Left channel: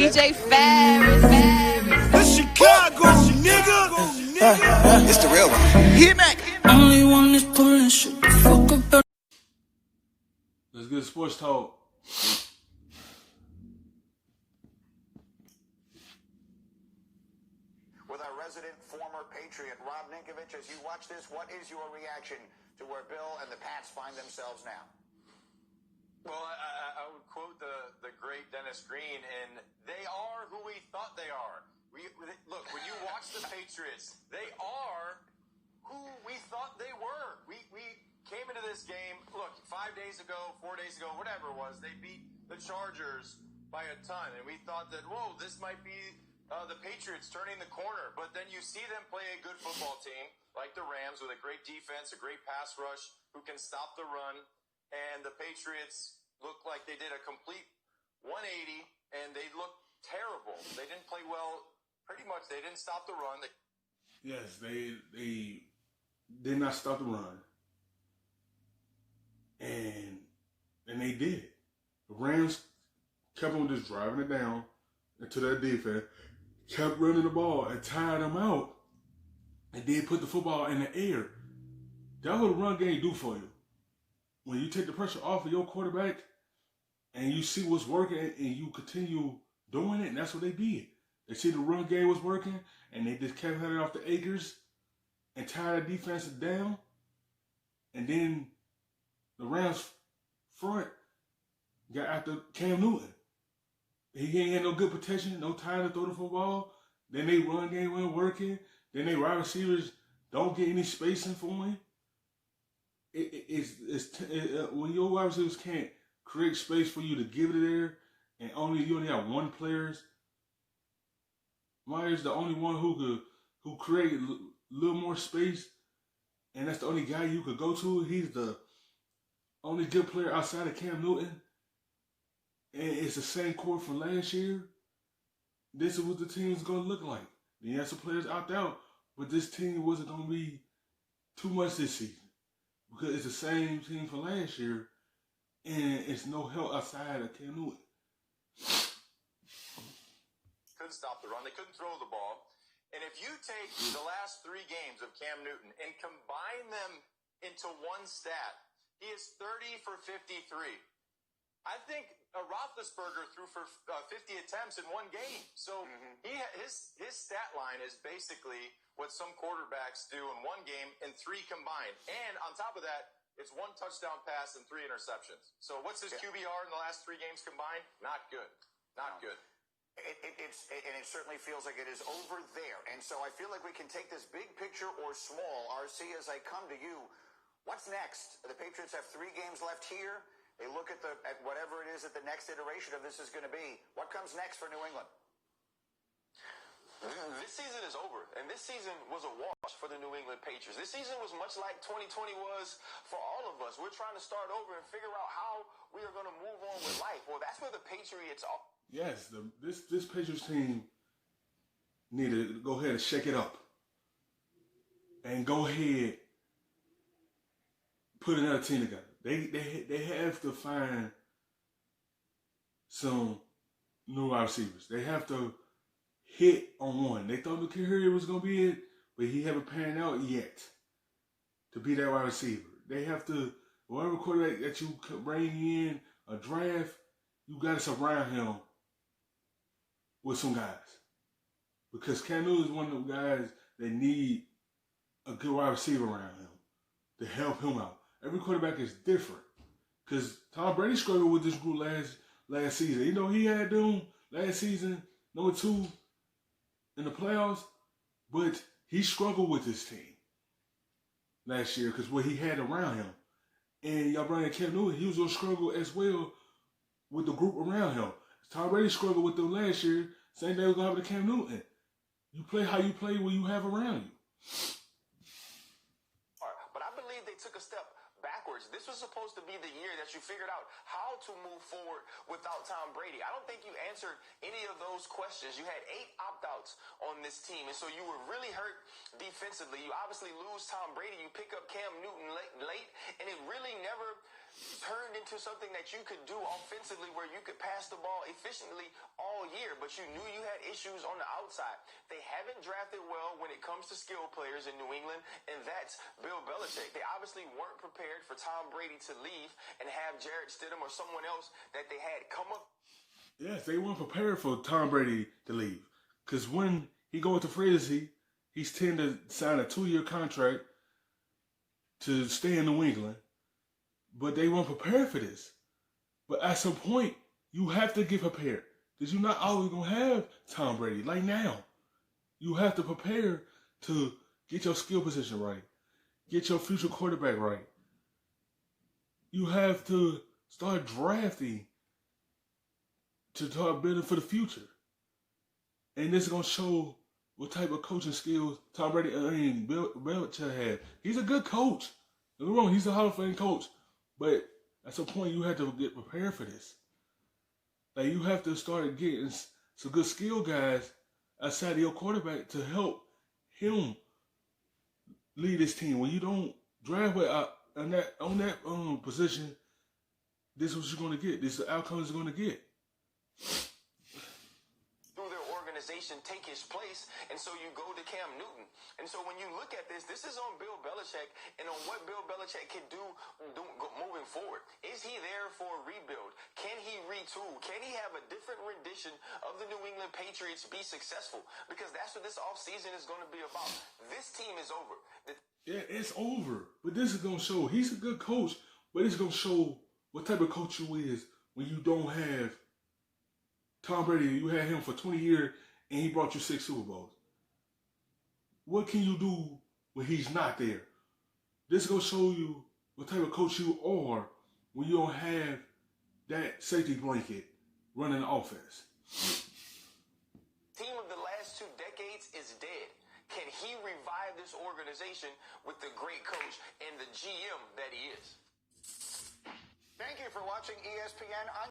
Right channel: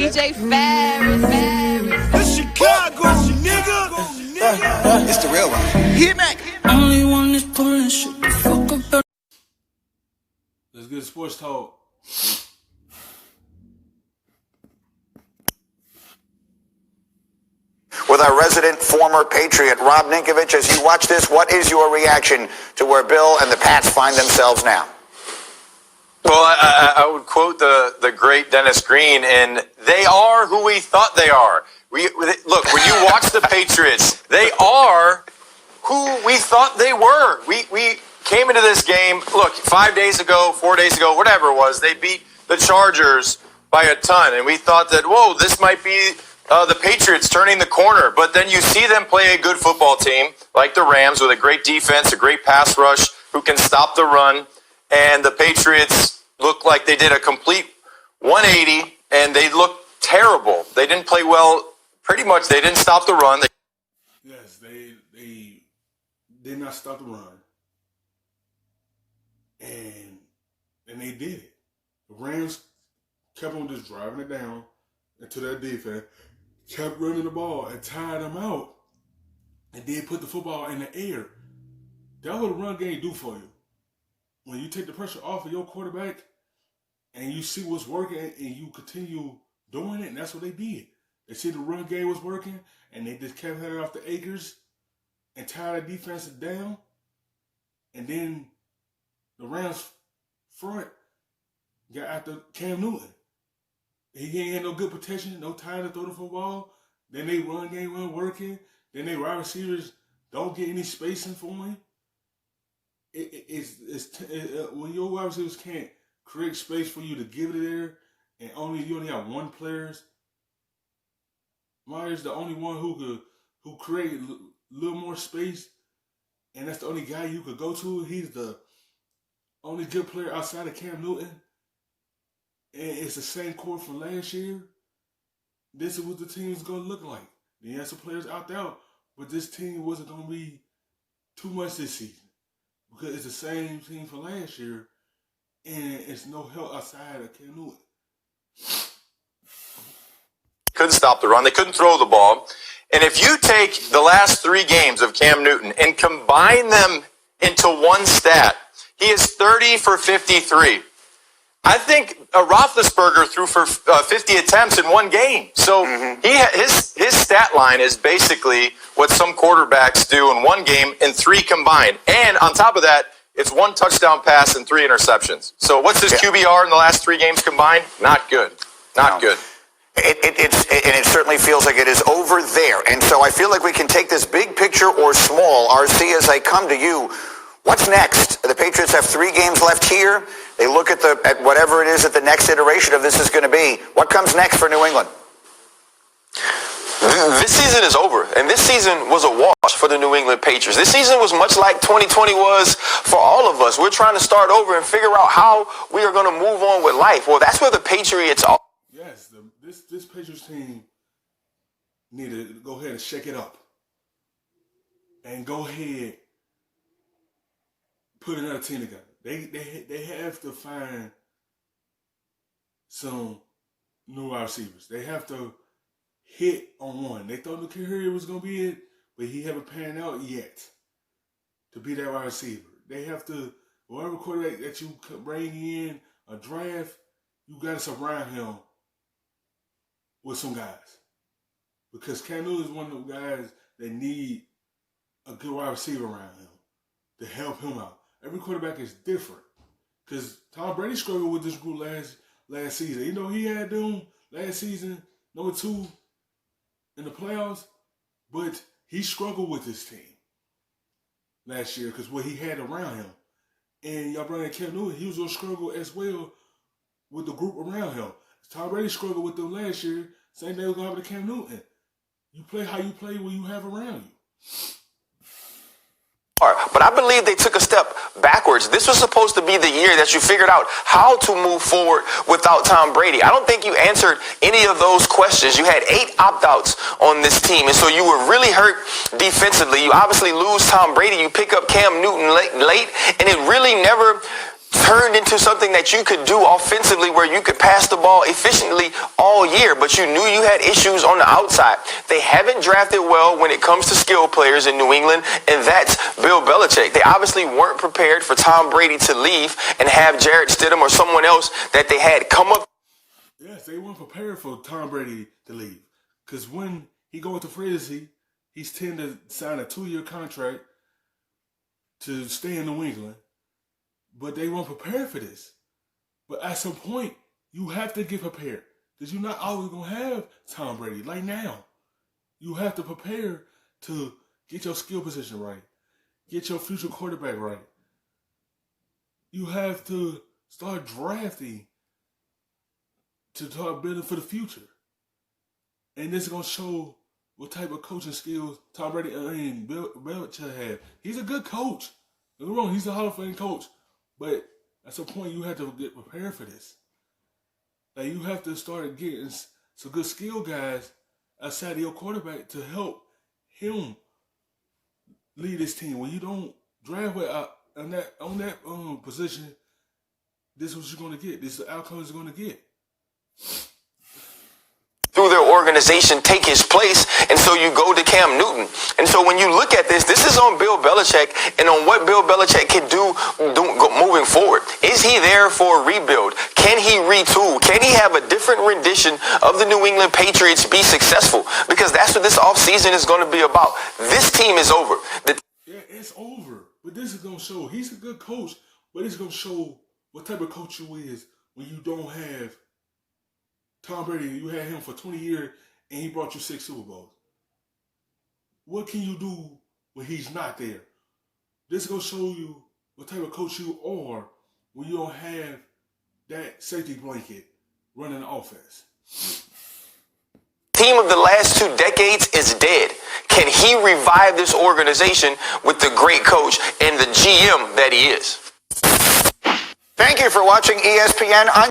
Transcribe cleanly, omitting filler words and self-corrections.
DJ Ferris. The Chicago, nigga. It's the real one. Hit me. Only one is pulling shit the fuck up. Let's get sports talk. With our resident former Patriot, Rob Ninkovich, as you watch this, what is your reaction to where Bill and the Pats find themselves now? Well, I would quote the great Dennis Green, and they are who we thought they are. Look, when you watch the Patriots, they are who we thought they were. We came into this game, look, 5 days ago, 4 days ago, whatever it was, they beat the Chargers by a ton, and we thought that, whoa, this might be the Patriots turning the corner. But then you see them play a good football team, like the Rams, with a great defense, a great pass rush, who can stop the run. And the Patriots looked like they did a complete 180, and they looked terrible. They didn't play well. Pretty much, they didn't stop the run. Yes, they did not stop the run. And they did it. The Rams kept on just driving it down into that defense, kept running the ball and tired them out, and then put the football in the air. That's what the run game do for you. When you take the pressure off of your quarterback and you see what's working and you continue doing it, and that's what they did. They see the run game was working, and they just kept heading off the acres and tired the defense down. And then the Rams front got after Cam Newton. He ain't had no good protection, no time to throw the football. Then they run game wasn't working. Then they wide receivers don't get any spacing for him. When your wide receivers can't create space for you to give it there, and you only have one player. Myers the only one who create a little more space, and that's the only guy you could go to. He's the only good player outside of Cam Newton, and it's the same core from last year. This is what the team is going to look like. They had some players opt out, but this team wasn't going to be too much this season because it's the same team from last year, and it's no help outside of Cam Newton. Couldn't stop the run. They couldn't throw the ball. And if you take the last 3 games of Cam Newton and combine them into one stat, he is 30 for 53. I think Roethlisberger threw for 50 attempts in one game. So his stat line is basically what some quarterbacks do in one game in 3 combined. And on top of that, it's 1 touchdown pass and 3 interceptions. So what's his QBR in the last 3 games combined? Not good. Not good. It certainly feels like it is over there. And so I feel like we can take this big picture or small, RC, as I come to you. What's next? The Patriots have 3 games left here. They look at whatever it is that the next iteration of this is going to be. What comes next for New England? This season is over, and this season was a wash for the New England Patriots. This season was much like 2020 was for all of us. We're trying to start over and figure out how we are going to move on with life. Well, that's where the Patriots are. Yes, this Patriots team need to go ahead and shake it up. And go ahead, put another team together. They have to find some new wide receivers. They have to hit on one. They thought Nikhil Harry was going to be it, but he haven't panned out yet to be that wide receiver. They have to, whatever quarterback that you bring in a draft, you got to surround him with some guys. Because Cam Newton is one of those guys that need a good wide receiver around him to help him out. Every quarterback is different. Because Tom Brady struggled with this group last season. You know, he had them last season, number 2 in the playoffs, but he struggled with this team last year because what he had around him. And y'all bring in Cam Newton, he was going to struggle as well with the group around him. Tom Brady struggled with them last year. Same thing was going to happen to Cam Newton. You play how you play when you have around you. But I believe they took a step backwards. This was supposed to be the year that you figured out how to move forward without Tom Brady. I don't think you answered any of those questions. You had 8 opt-outs on this team, and so you were really hurt defensively. You obviously lose Tom Brady. You pick up Cam Newton late, and it really never turned into something that you could do offensively where you could pass the ball efficiently all year, but you knew you had issues on the outside. They haven't drafted well when it comes to skill players in New England, and that's Bill Belichick. They obviously weren't prepared for Tom Brady to leave and have Jarrett Stidham or someone else that they had come up. Yes, they weren't prepared for Tom Brady to leave. Because when he goes to free agency, he's tend to sign a 2-year contract to stay in New England. But they weren't prepared for this. But at some point, you have to get prepared. Because you're not always going to have Tom Brady. Like now, you have to prepare to get your skill position right. Get your future quarterback right. You have to start drafting to start building for the future. And this is going to show what type of coaching skills Tom Brady and Bill Belichick have. He's a good coach. Don't get me wrong, he's a Hall of Fame coach. But at some point, you have to get prepared for this. Like, you have to start getting some good skill guys outside of your quarterback to help him lead this team. When you don't draft on that position, this is what you're going to get. This is the outcome you're going to get. Through their organization take his place, and so you go to Cam Newton. And so when you look at this is on Bill Belichick and on what Bill Belichick can do moving forward. Is he there for a rebuild? Can he retool? Can he have a different rendition of the New England Patriots be successful? Because that's what this offseason is going to be about. This team is over. Yeah, it's over. But this is going to show he's a good coach, but it's going to show what type of coach you is when you don't have Tom Brady. You had him for 20 years, and he brought you 6 Super Bowls. What can you do when he's not there? This is going to show you what type of coach you are when you don't have that safety blanket running the offense. Team of the last 2 decades is dead. Can he revive this organization with the great coach and the GM that he is? Thank you for watching ESPN.